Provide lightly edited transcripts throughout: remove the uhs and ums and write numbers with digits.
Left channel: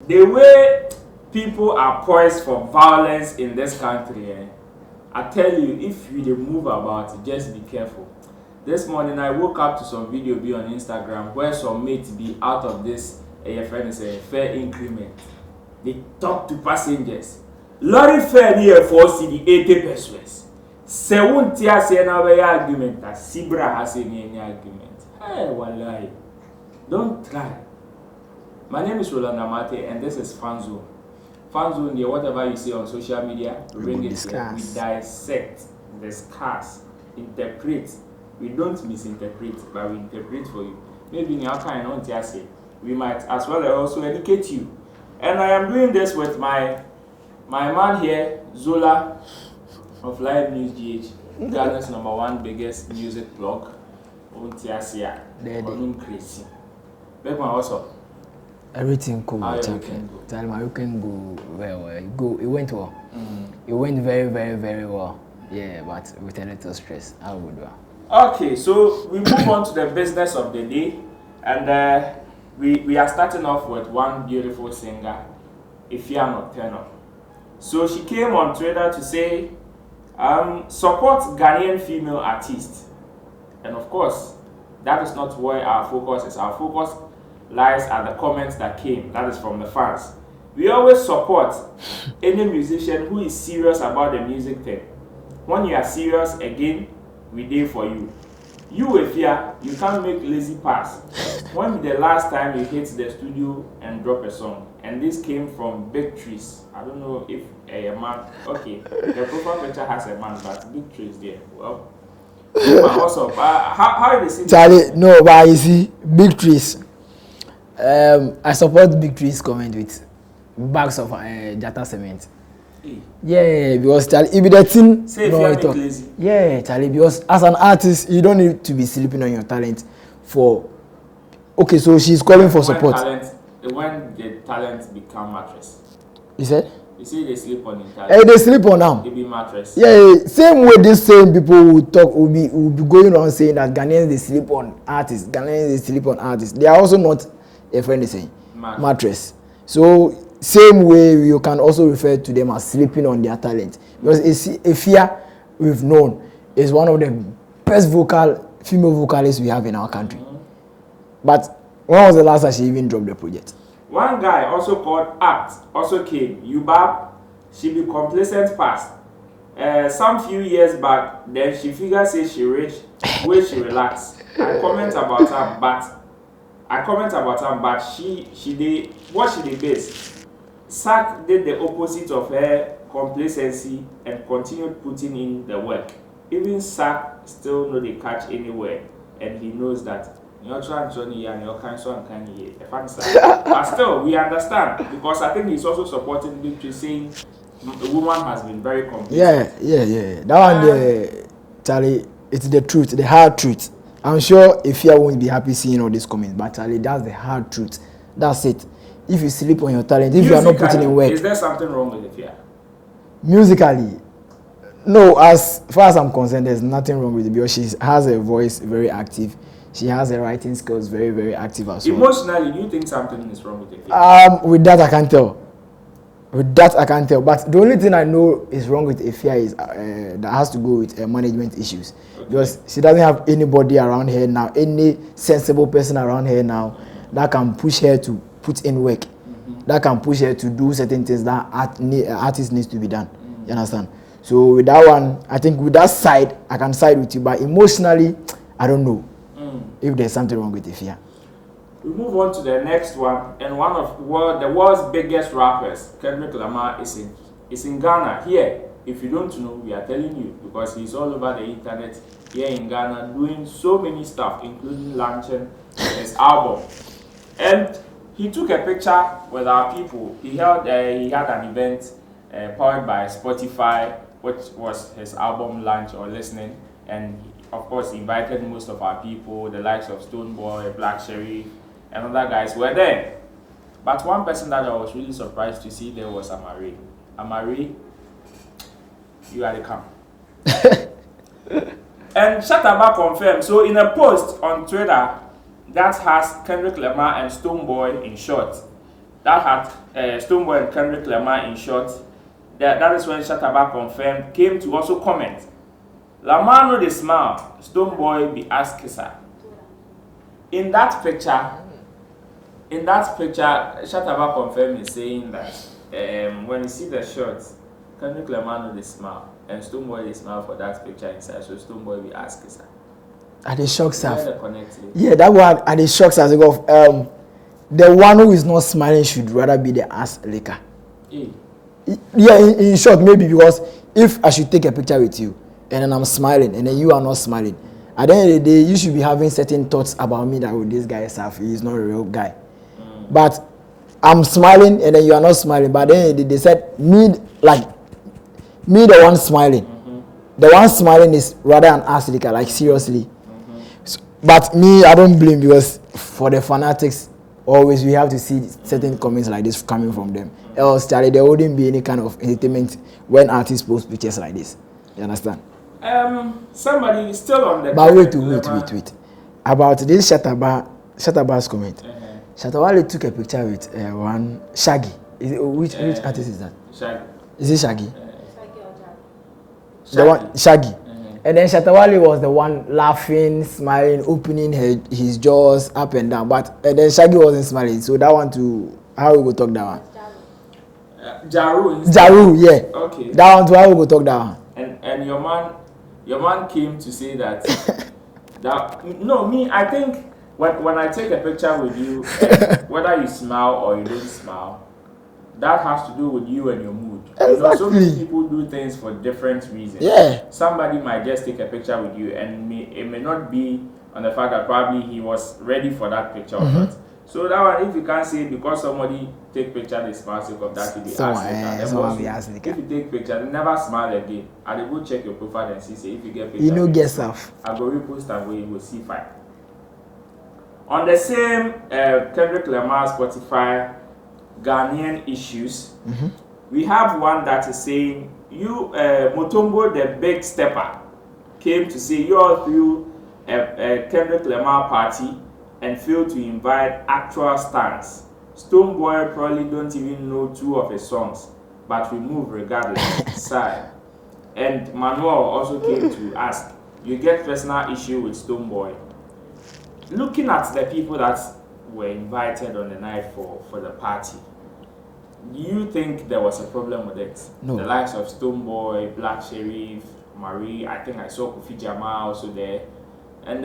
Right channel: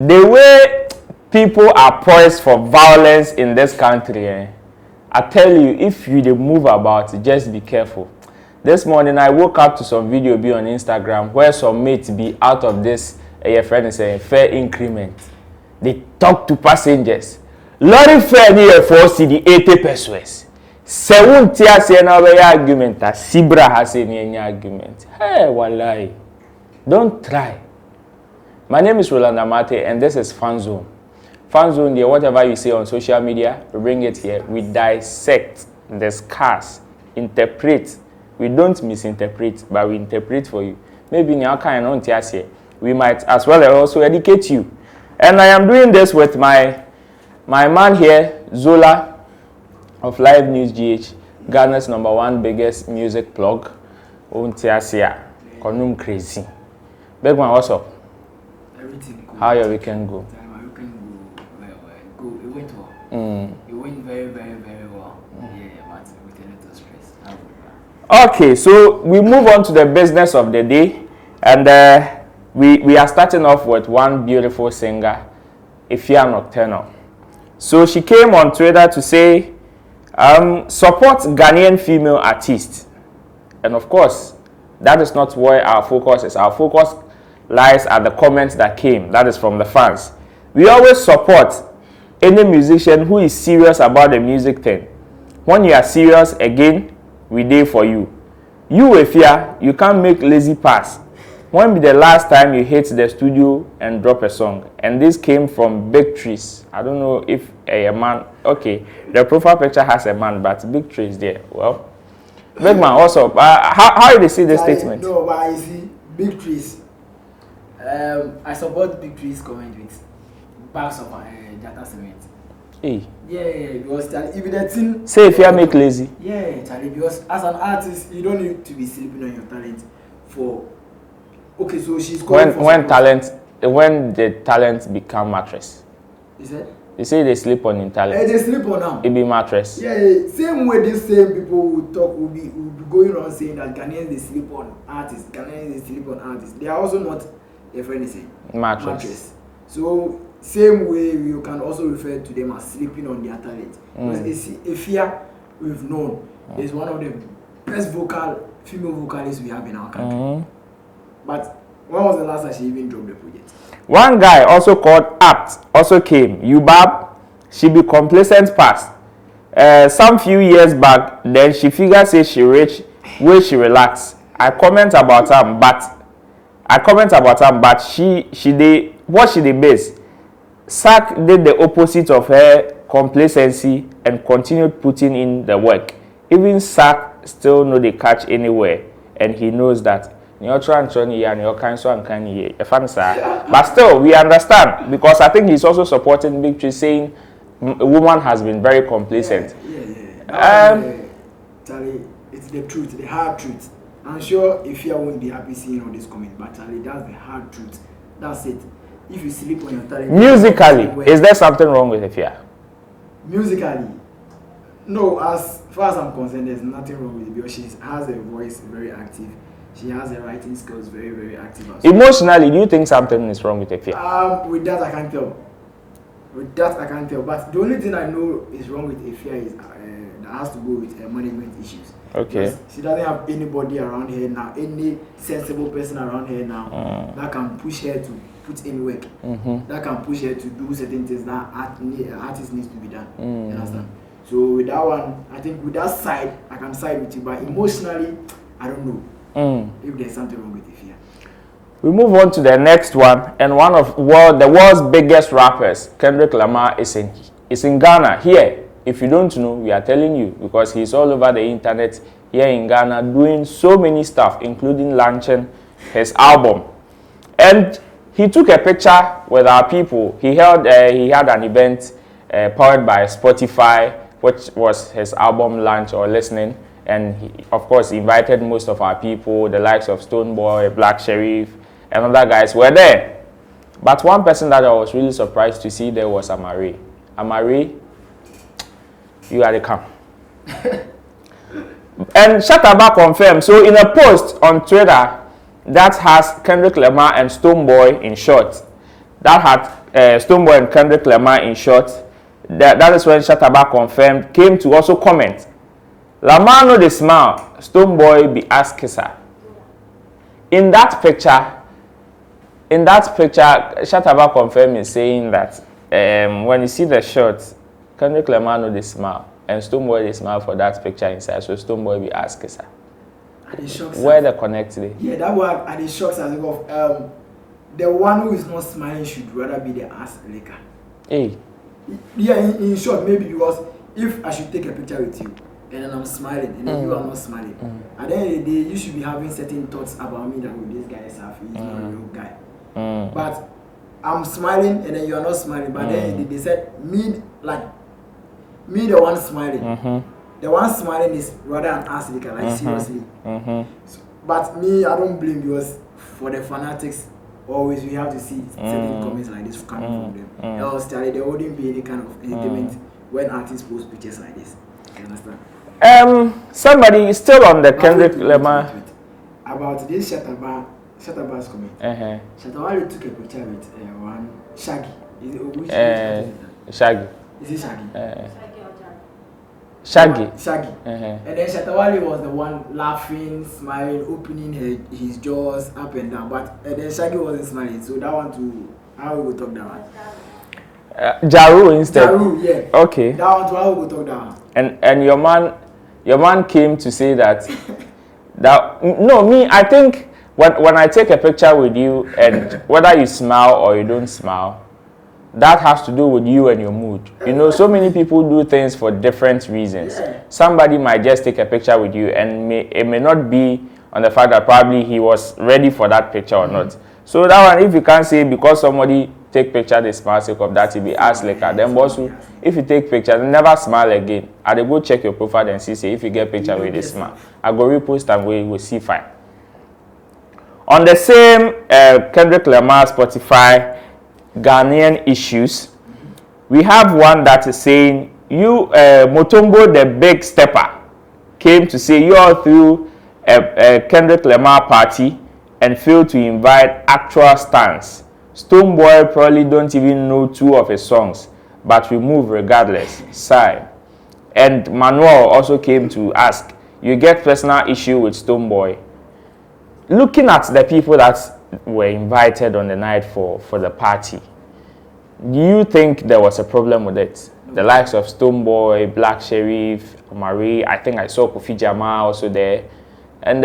The way people are poised for violence in this country, I tell you, if you move about, just be careful. This morning, I woke up to some video be on Instagram where some mates be out of this, your friend is saying, fair increment. They talk to passengers. Lorry fare near 4 CD 80 pesos. 70 has an argument. A Sibra has any argument. Hey, wallahi. Don't try. My name is Roland Amate, and this is Fan Zone. Fan Zone, there, whatever you say on social media, we bring it here. We dissect, discuss, interpret. We don't misinterpret, but we interpret for you. Maybe in your kind of we might as well also educate you. And I am doing this with my man here, Zola of Live News GH, Ghana's #1 biggest music blog. Konum crazy. Big man, what's up? Everything cool. How your weekend go? My weekend go well. It went well. It went very, very, very well. Yeah, but with a little stress. How would you? Okay, so we move on to the business of the day, and we are starting off with one beautiful singer, Ifya Nocturnal. So she came on Twitter to say, support Ghanaian female artists. And of course, that is not where our focus is. Our focus lies at the comments that came. That is from the fans. We always support any musician who is serious about the music thing. When you are serious, again, we there for you. You, Ifya, you can't make lazy pass. When be the last time you hit the studio and drop a song? And this came from Big Trees. I don't know if a man. Okay, the profile picture has a man, but Big Trees there. Well, Big man, also, how do you see this? Charlie, no, but you see, Big Trees. I support Big Trees comment with bags of Jata cement. Hey. Yeah, because Charlie, if the thing say if you make lazy. Yeah, Charlie, because as an artist, you don't need to be sleeping on your talent for. Okay, so she's calling for support. When the talent become mattress. You said? You say they sleep on in talent. They sleep on now. It be mattress. Yeah, same way these same people will be going on saying that Ghanaians they sleep on artists. Ghanaians they sleep on artists. They are also not a friend saying mattress. So same way you can also refer to them as sleeping on their talent. Because Ifya we've known is one of the best female vocalists we have in our country. But when was the last time she even dropped the project? One guy also called Apt also came. Ubab, she be complacent past. Some few years back, then she figure say she rich, where she relax. I comment about her, but she did what she did best. Sack did the opposite of her complacency and continued putting in the work. Even Sack still no they catch anywhere, and he knows that. But still, we understand because I think he's also supporting Big Tree, saying a woman has been very complacent. Yeah. That one, Charlie, it's the truth, the hard truth. I'm sure Ifya won't be happy seeing all this comments, but Charlie, that's the hard truth. That's it. If you sleep on your talent, musically, is there something wrong with Ifya? Musically, no. As far as I'm concerned, there's nothing wrong with it because she has a voice very active. She has her writing skills very, very active as well. Emotionally, do you think something is wrong with Ifya? With that, I can't tell. But the only thing I know is wrong with Ifya is that has to go with management issues. Okay. Because she doesn't have anybody around her now, any sensible person around her now that can push her to put in work, that can push her to do certain things that artist needs to be done. You understand? So with that one, I think with that side, I can side with you. But emotionally, I don't know. If there's something wrong with Ifya. We move on to the next one, and one of the world's biggest rappers, Kendrick Lamar, is in Ghana. Here, if you don't know, we are telling you because he's all over the internet here in Ghana doing so many stuff, including launching his album. And he took a picture with our people. He had an event powered by Spotify, which was his album launch or listening. And he, of course, invited most of our people, the likes of Stonebwoy, Black Sheriff, and other guys were there. But one person that I was really surprised to see there was Amare. Amare, you are the camp. And Shataba confirmed. So in a post on Twitter that has Kendrick Lamar and Stonebwoy in short, that had Stonebwoy and Kendrick Lamar in short. That is when Shataba confirmed, came to also comment. Lamar no dey smile, Stonebwoy be ask kisser. In that picture, Shataba confirmed is saying that when you see the shot, Kendrick Lamar no dey smile, and Stonebwoy dey smile for that picture inside, so Stonebwoy be ask kisser. Are they shocked? Where the connect today? Yeah, that one are they shocked as of the one who is not smiling should rather be the ass licker. Hey. Yeah, in short, maybe because if I should take a picture with you and then I'm smiling and then you are not smiling, at the end of the day, you should be having certain thoughts about me that this guy is happy, he's not a real guy. But I'm smiling and then you are not smiling. But then they said me the one smiling. The one smiling is rather an ass licker, like seriously. So, but me, I don't blame because for the fanatics, always we have to see certain comments like this coming from them. Else, Charlie, there wouldn't be any kind of entertainment when artists post pictures like this. You understand? Somebody is still on the Kendrick Lamar. Wait. About this Shataba's comment. Shatawale took a picture with one Shaggy. Which artist is that? Shaggy. Is it Shaggy? Shaggy. And then Shatawale was the one laughing, smiling, opening his jaws up and down. But then Shaggy wasn't smiling. So that one too, how we go talk that one? Jaru instead. Jaru, yeah. Okay. That one too, how we go talk that one? And your man came to say that I think when I take a picture with you and whether you smile or you don't smile, that has to do with you and your mood. You know, so many people do things for different reasons. Yeah. Somebody might just take a picture with you and it may not be on the fact that probably he was ready for that picture or not. So that one, if you can't say because somebody take picture, they smile sake of that, it be ass licker. Then also, if you take picture, never smile again. I dey go check your profile and see say if you get picture with this smile, I go repost and we will see fine. On the same Kendrick Lamar Spotify Ghanaian issues, we have one that is saying you Motombo the big stepper came to say you all threw a Kendrick Lamar party and failed to invite actual stars. Stonebwoy probably don't even know 2 of his songs, but we move regardless. Sigh. And Manuel also came to ask, you get personal issue with Stonebwoy. Looking at the people that were invited on the night for the party, do you think there was a problem with it? No. The likes of Stonebwoy, Black Sheriff, Marie, I think I saw Kofi Jama also there. And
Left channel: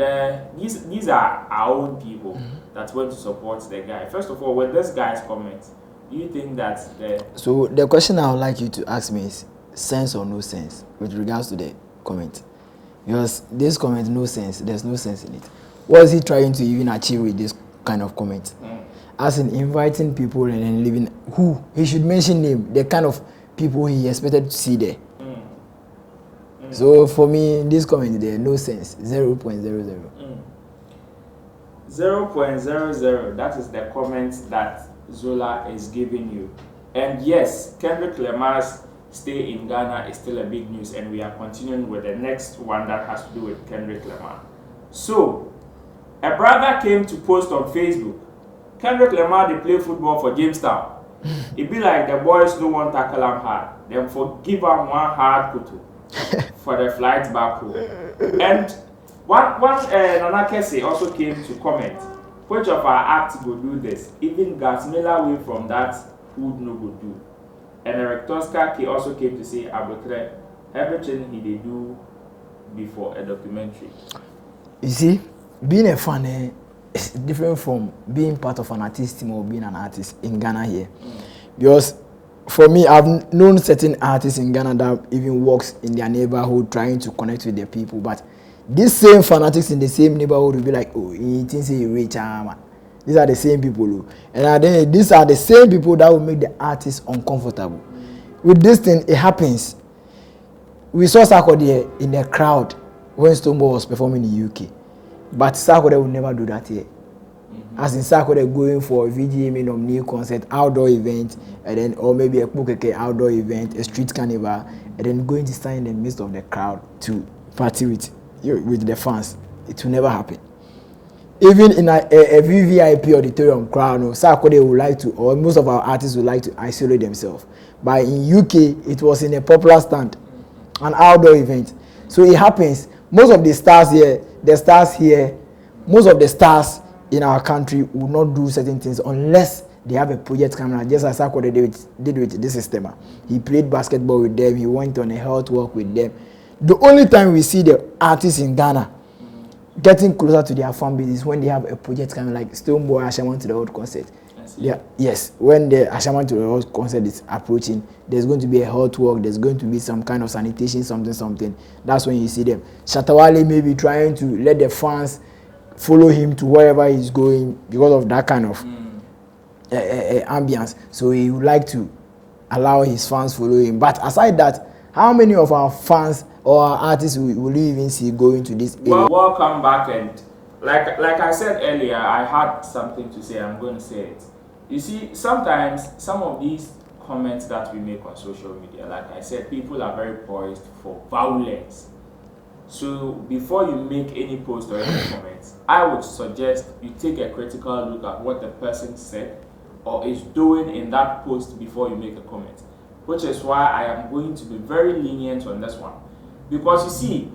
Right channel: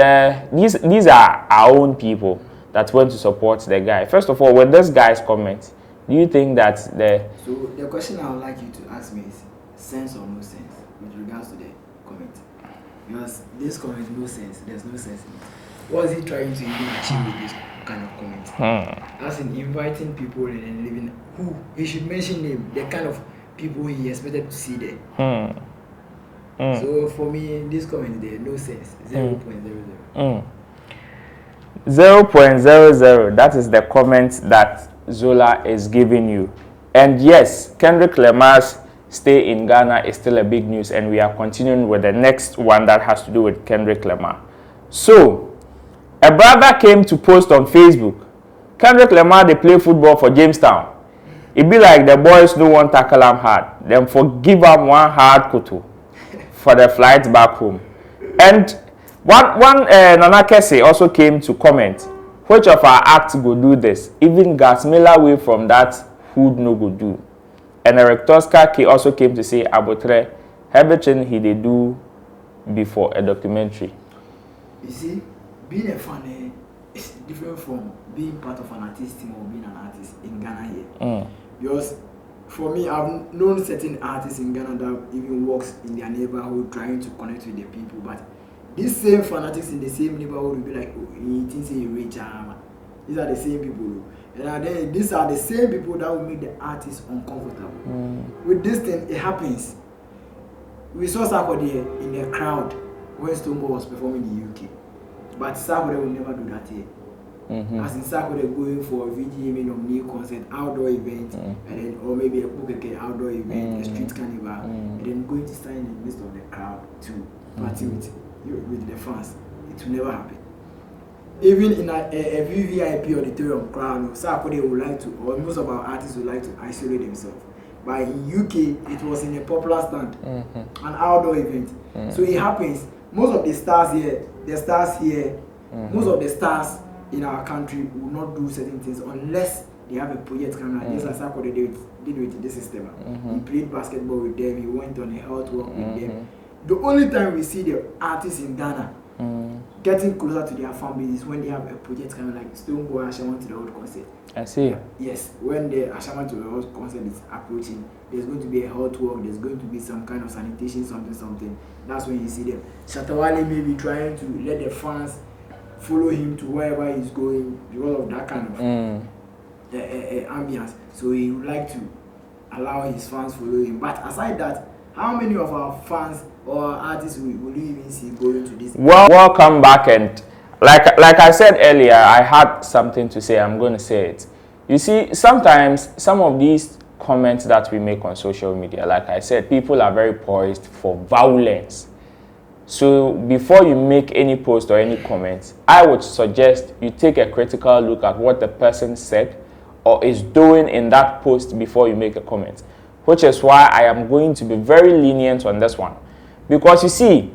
these are our own people that went to support the guy. First of all, with this guy's comment, do you think that So the question I would like you to ask me is sense or no sense with regards to the comment? Because this comment, no sense, there's no sense in it. What is he trying to even achieve with this kind of comment? As in inviting people and then leaving, who? He should mention name, the kind of people he expected to see there. So for me, this comment there, no sense, 0.00. 0.00, that is the comment that Zola is giving you. And yes, Kendrick Lamar's stay in Ghana is still a big news, and we are continuing with the next one that has to do with Kendrick Lamar. So, a brother came to post on Facebook, Kendrick Lamar, they play football for Jamestown. It be like the boys don't want to tackle him hard. Them forgive him one hard kutu for the flight back home. And one Nana Kese also came to comment, which of our acts go do this? Even Gas Miller way from that hood no go do. And Eric Tosca also came to say, Abotre, everything he did do before a documentary. You see, being a fan is different from being part of an artist team or being an artist in Ghana here. Because for me, I've known certain artists in Ghana that even works in their neighborhood trying to connect with the people, but these same fanatics in the same neighborhood will be like, oh, he thinks he's rich. These are the same people. And then these are the same people that will make the artist uncomfortable. With this thing, it happens. We saw Sarkodie in a crowd when Stonebwoy was performing in the UK. But Sarkodie will never do that here. As in Sarkodie going for a VGM nominee concert, outdoor event, and then or maybe a Pukeke outdoor event, a street carnival, and then going to stand in the midst of the crowd to party with the fans. It will never happen. even in a VVIP auditorium crowd, Sarkodie would like to, or most of our artists would like to isolate themselves. But in UK, it was in a popular stand, an outdoor event. So it happens. Most of the stars here, most of the stars in our country will not do certain things unless they have a project camera, just as Sarkodie did with this system. He played basketball with them, he went on a health walk with them. The only time we see the artists in Ghana getting closer to their fan base is when they have a project camera, like Stonebwoy, Ashaman to the World concert. I see. Yeah, yes, when the Ashaman to the World concert is approaching, there's going to be a health walk, there's going to be some kind of sanitation, something. That's when you see them. Shatawale may be trying to let the fans follow him to wherever he's going because of that kind of ambience. So he would like to allow his fans follow him. But aside that, how many of our fans or our artists will you even see going to this? Well, welcome back, and like I said earlier, I had something to say. I'm going to say it. You see, sometimes some of these comments that we make on social media, like I said, people are very poised for violence. So before you make any post or any comments, I would suggest you take a critical look at what the person said or is doing in that post before you make a comment, which is why I am going to be very lenient on this one. Because you see,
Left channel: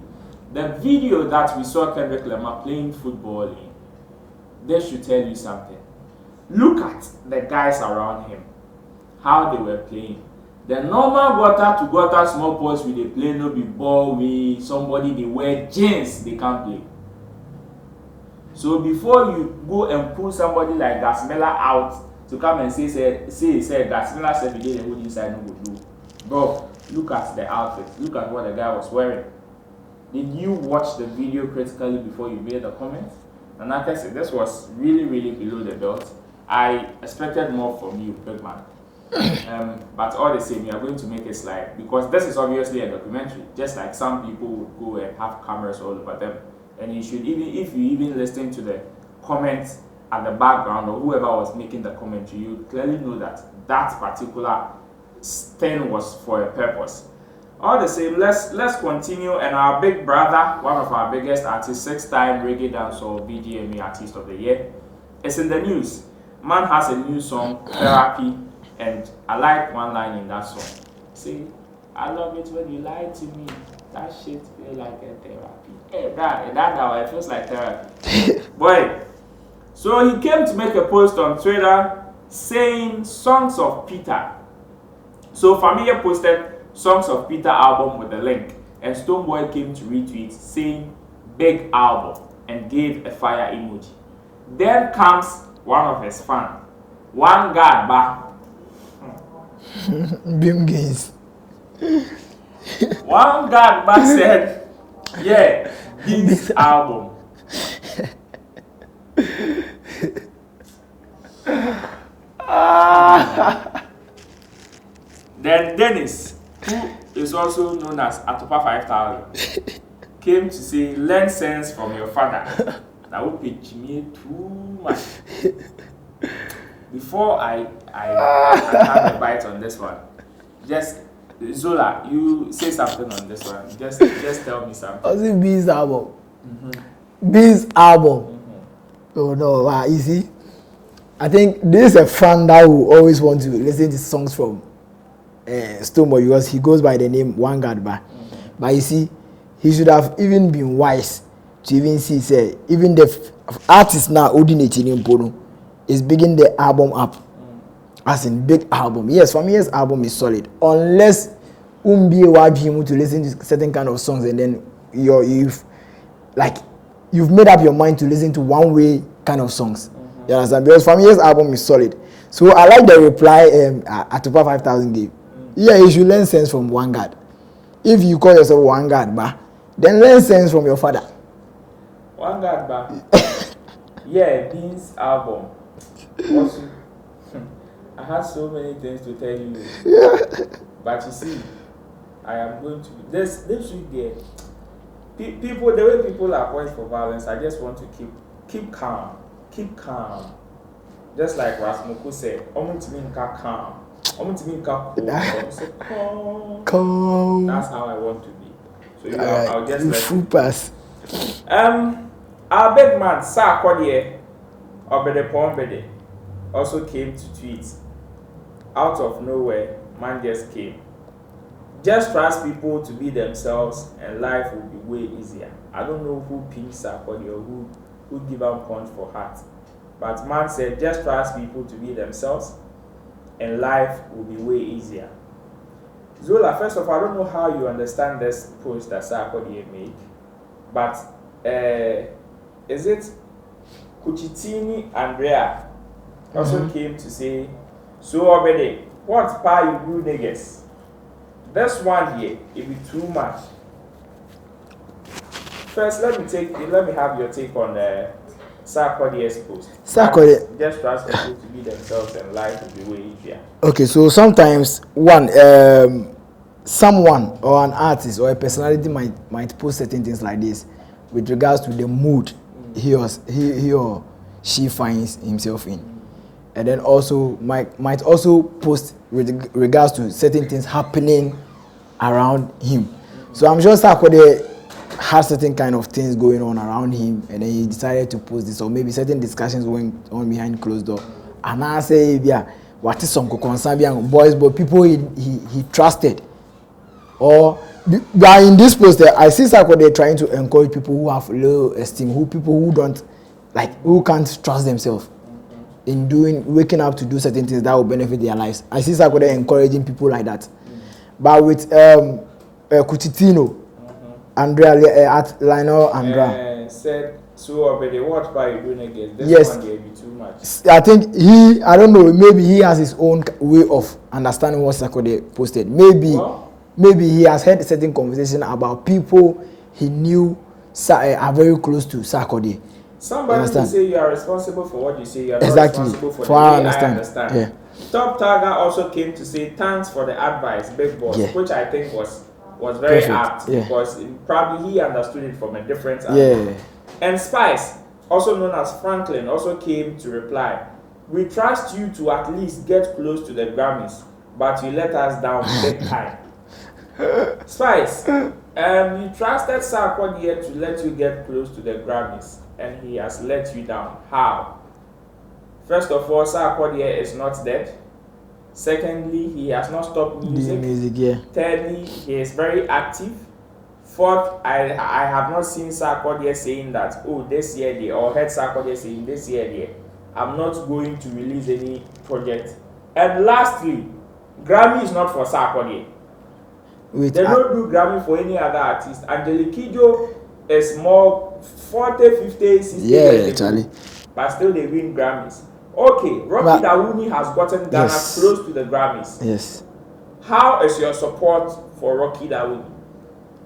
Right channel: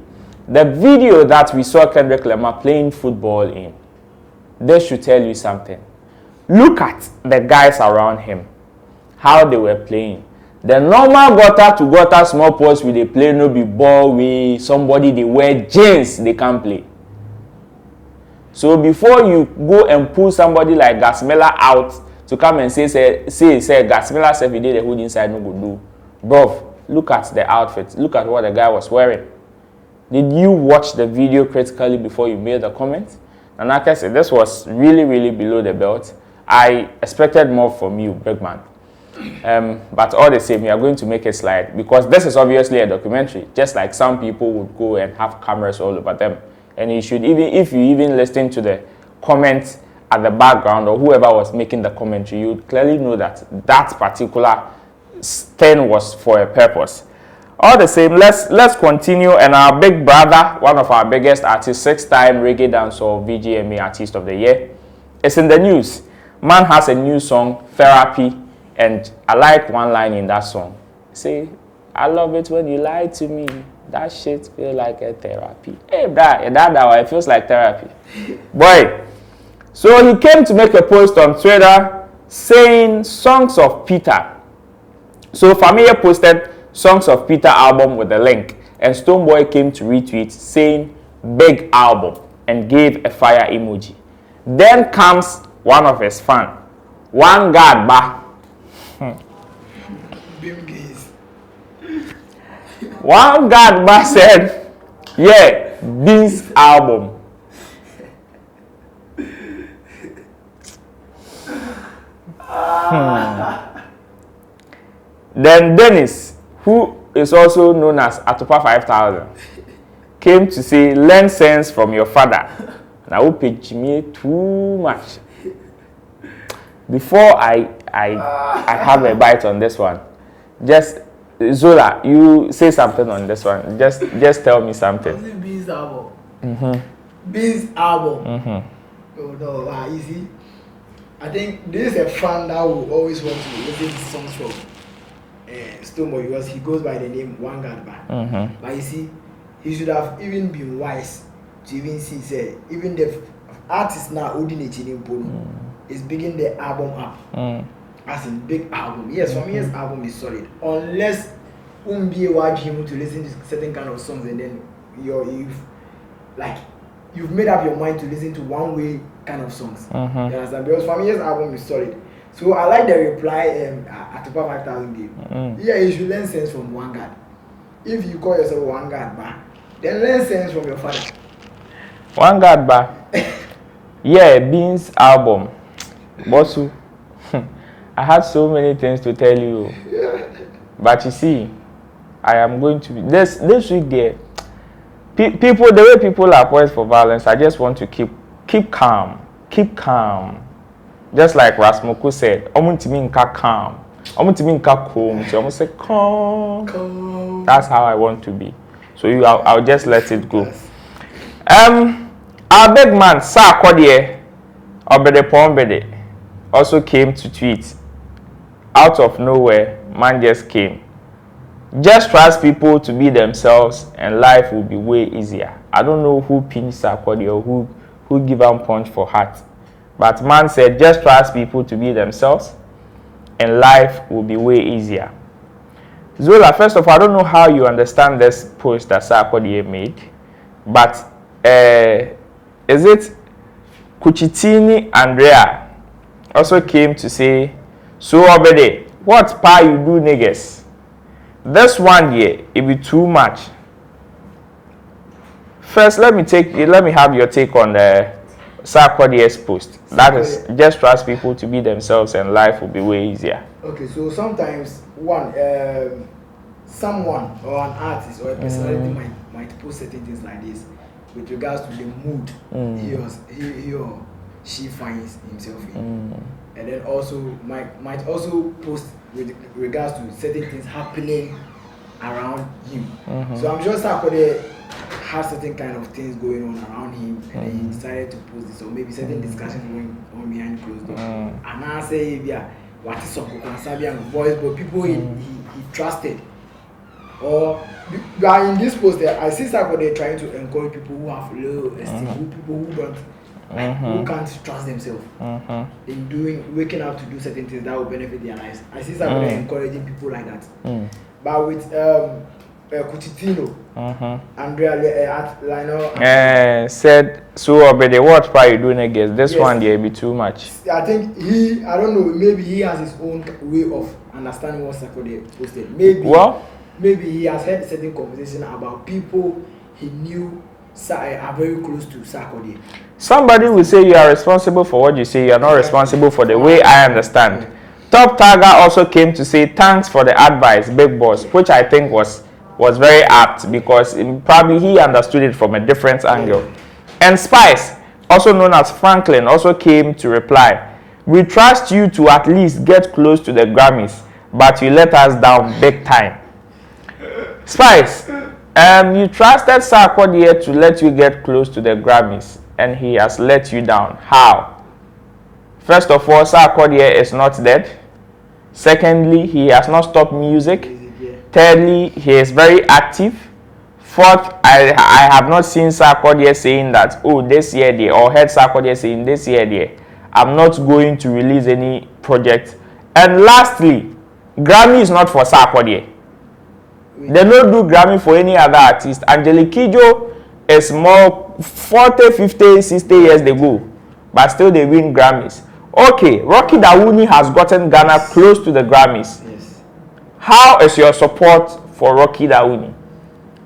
the video that we saw Kendrick Lamar playing football in, they should tell you something. Look at the guys around him, how they were playing. The normal gutter-to-gutter small post where they play no be ball with somebody they wear jeans, they can't play. So before you go and pull somebody like Gasmela out to come and say Gasmela said he did the hood inside no good do. Bro, look at the outfit. Look at what the guy was wearing. Did you watch the video critically before you made the comment? And like I said, this was really, really below the belt. I expected more from you, big man. But all the same, we are going to make it slide because this is obviously a documentary. Just like some people would go and have cameras all over them, and you should even, if you even listen to the comments at the background or whoever was making the commentary, you would clearly know that that particular thing was for a purpose. All the same, let's continue. And our big brother, one of our biggest artists, 6-time reggae dancehall VGMA Artist of the Year, is in the news. Man has a new song, Therapy. And I like one line in that song. Say, I love it when you lie to me. That shit feel like a therapy. Hey, that it feels like therapy. Boy. So he came to make a post on Twitter saying Songs of Peter. So Familia posted Songs of Peter album with a link. And Stonebwoy came to retweet saying big album and gave a fire emoji. Then comes one of his fans. One God, bah. Bim Gates. One God said, yeah, this album. Then Dennis, who is also known as Atupa 5000, came to say, learn sense from your father. Now, you pitch me too much. Before I have a bite on this one, just Zola, you say something on this one. Just tell me something. What's the Beast album? Beast album. Oh no, wow, easy. I think this is a fan that will always want to listen to songs from Stonebwoy because he goes by the name One God Ba. But you see, he should have even been wise to even see, say, even the artist now ordinating in Pono is bigging the album up. As in big album. Yes, for me, yes, album is solid. Unless be a to listen to certain kind of songs and then you've made up your mind to listen to one way kind of songs. You understand? Because for me, yes, album is solid. So I like the reply Atupa 5000 gave. Yeah, you should learn sense from One God. If you call yourself One God, ba, then learn sense from your father. One God, ba. Yeah, Beans album. Bosu. I had so many things to tell you. But you see, I am going to be this week there. People, the way people are poised for violence, I just want to keep calm. Keep calm. Just like Rasmuku said, calm. Cool. So I'm say calm. That's how I want to be. So I'll just let it go. Our big man, Sarkodie, Obede also came to tweet. Out of nowhere, man just came. Just trust people to be themselves and life will be way easier. I don't know who pinned Sarkodie or who give him punch for heart. But man said, just trust people to be themselves and life will be way easier. Zola, first of all, I don't know how you understand this post that Sarkodie made, but is it Kuchitini Andrea also came to say, so Obede, what pa you do niggas? This one year, it be too much. First, let me have your take on the Sarkodie's post. That is, just trust people to be themselves and life will be way easier. Okay, so sometimes someone or an artist or a personality might post certain things like this with regards to the mood he or she finds himself in, and then also might also post with regards to certain things happening around him. So I'm sure Sarkodie had certain kind of things going on around him, and then he decided to post this, or maybe certain discussions going on behind closed doors. And I say, yeah, what is some concern boys, but people he trusted. Or in this post, I see Sarkodie trying to encourage people who have low esteem, people who don't who can't trust themselves in waking up to do certain things that will benefit their lives. I see Sarkodie encouraging people like that. But with Kuchitino, Andrea at Lionel said, so Obede, what are you doing against this one? There be too much. I think I don't know, maybe he has his own way of understanding what Sarkodie posted. Maybe he has had a certain conversation about people he knew are very close to Sarkodie. Somebody will say you are responsible for what you say. You are not responsible for the way I understand. Yeah. Top Tiger also came to say thanks for the advice, big boss, which I think was very apt because probably he understood it from a different angle. And Spice, also known as Franklin, also came to reply. We trust you to at least get close to the Grammys, but you let us down big time. Spice, you trusted Sarkodie to let you get close to the Grammys, and he has let you down. How? First of all, Sarkodie is not dead. Secondly, he has not stopped music. Thirdly, he is very active. Fourth, I have not seen Sarkodie saying that, oh, this year there, or heard Sarkodie saying this year there, I'm not going to release any project. And lastly, Grammy is not for Sarkodie. They don't do Grammy for any other artist. Angelique Kidjo is more 40, 50, 60 years they go. But still they win Grammys. Okay, Rocky Dawuni has gotten Ghana close to the Grammys. Yes. How is your support for Rocky Dawuni?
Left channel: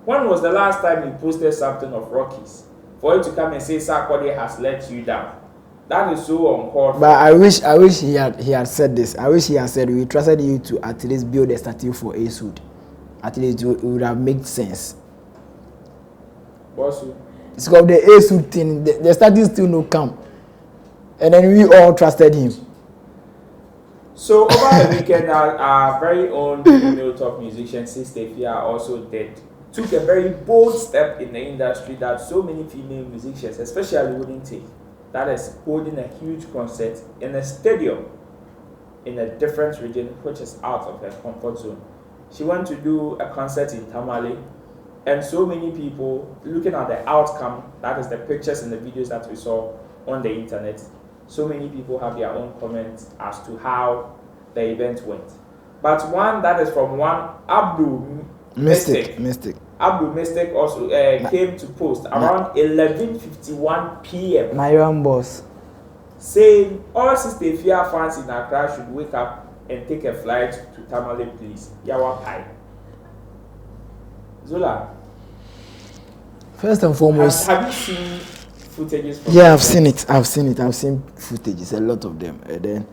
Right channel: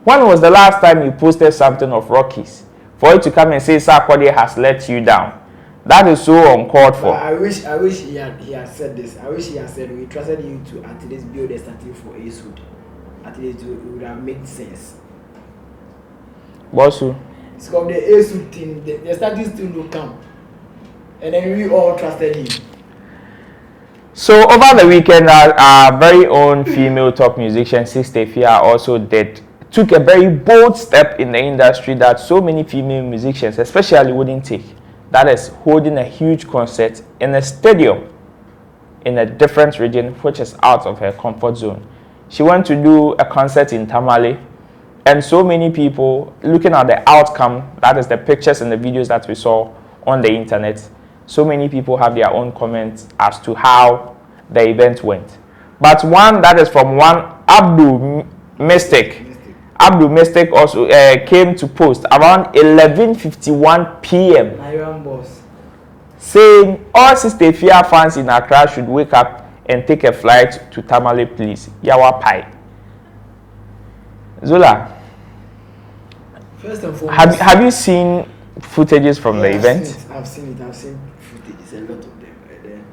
When was the last time you posted something of Rocky's? For you to come and say Sarkodie has let you down. That is so uncalled for. But I wish he had said this. I wish he had said we trusted you to at least build a statue for A-Suit. At least it would have made sense. Bosu. It's called the A-Suit thing. The statue still no come. And then we all trusted him. So over the weekend, our very own female top musician, Sister Fia, also took a very bold step in the industry that so many female musicians, especially, wouldn't take. That is holding a huge concert in a stadium in a different region, which is out of her comfort zone. She went to do a concert in Tamale, and so many people, looking at the outcome, that is the pictures and the videos that we saw on the internet, so many people have their own comments as to how the event went. But one that is from one Abdul Mystic. Abdul Mystic also came to post around 11:51 p.m. Nigerian boss, saying all Sister Fia fans in Accra should wake up and take a flight to Tamale, please. Yawa Pai. Zola, first and foremost, have you seen footages from the event? I've seen it. I've seen footages, a lot of them. And then,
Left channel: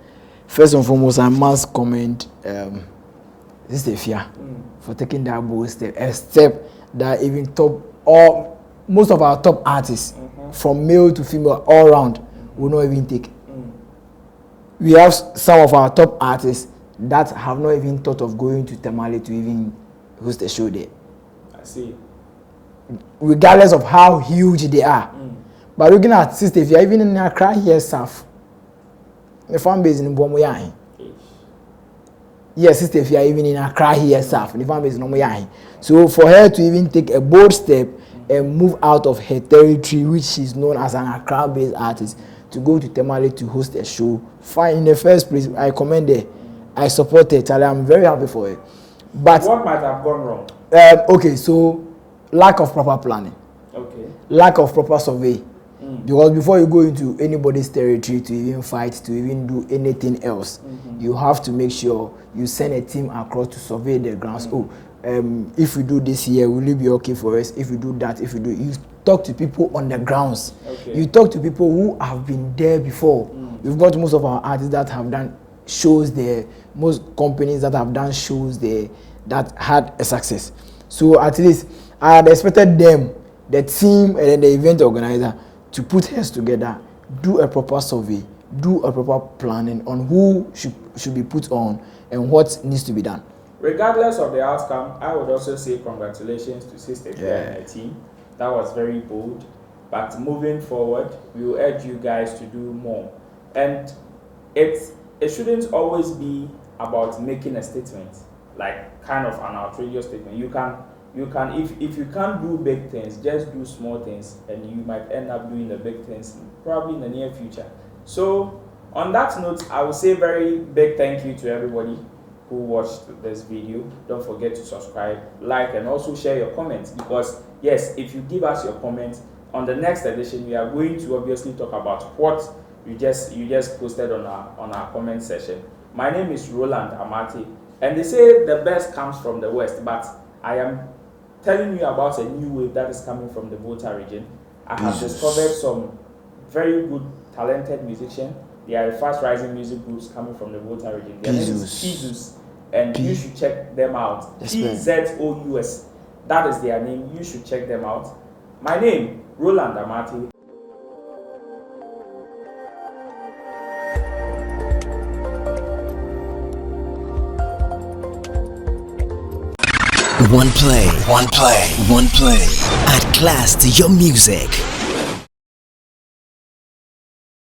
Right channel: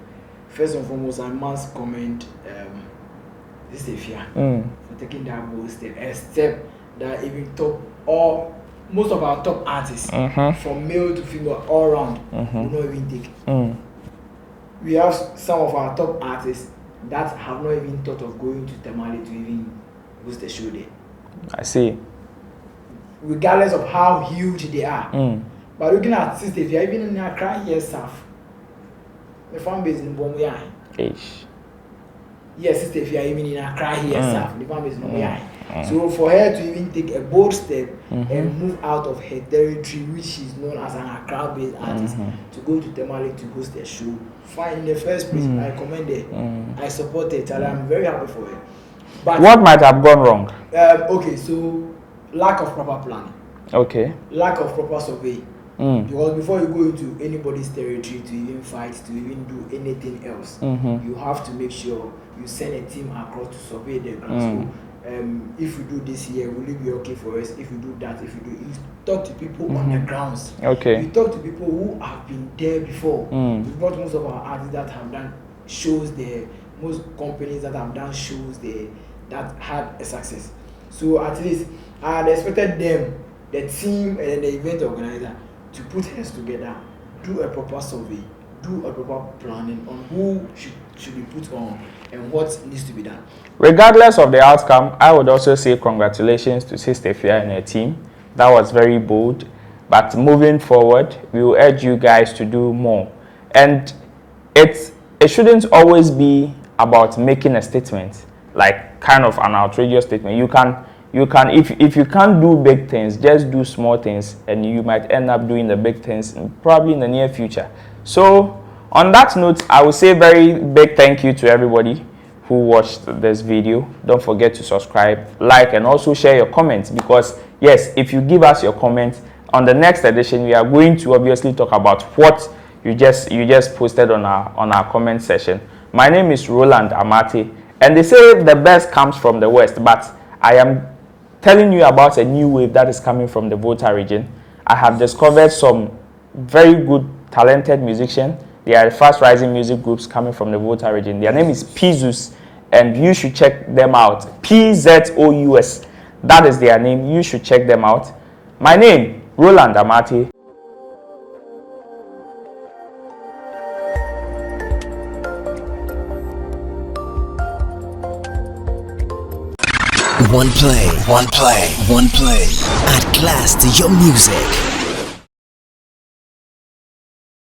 first and foremost, I must commend Sister Fia for taking that bold step, a step that even most of our top artists, from male to female, all around, will not even take. We have some of our top artists that have not even thought of going to Tamale to even host a show there. I see. Regardless of how huge they are. But looking at sister, if you're even in Accra here, South, the fan base in Bomoyai. Yes, sister, if you're even in Accra here, South, the fan base in Bomoyai. So for her to even take a bold step and move out of her territory, which she's known as an Accra-based artist, to go to Tamale to host a show, fine. In the first place, I commend her. I support her. Charlie, I'm very happy for her. But what might have gone wrong? Okay, so lack of proper planning. Okay. Lack of proper survey. Because before you go into anybody's territory to even fight, to even do anything else, you have to make sure you send a team across to survey the grounds. If we do this here, will it be okay for us? If we do that, you talk to people on the grounds. Okay. You talk to people who have been there before. We've got most of our artists that have done shows there, most companies that have done shows there that had a success. So at least I had expected them, the team and then the event organizer, to put heads together, do a proper survey, do a proper planning on who should be put on and what needs to be done. Regardless of the outcome, I would also say congratulations to Sister Fia and her team. That was very bold. But moving forward, we will urge you guys to do more. And it shouldn't always be about making a statement, like kind of an outrageous statement. You can if you can't do big things, just do small things, and you might end up doing the big things probably in the near future. So on that note, I will say very big thank you to everybody who watched this video. Don't forget to subscribe, like, and also share your comments, because yes, if you give us your comments on the next edition, we are going to obviously talk about what you just posted on our comment section. My name is Roland Amate, and they say the best comes from the west, but I am telling you about a new wave that is coming from the Volta region. I have discovered some very good, talented musicians. They are the fast rising music groups coming from the Volta region. Their name is Pizus, and you should check them out. P-Z-O-U-S. That is their name. You should check them out. My name, Roland Amate. OnePlay. At class to your music.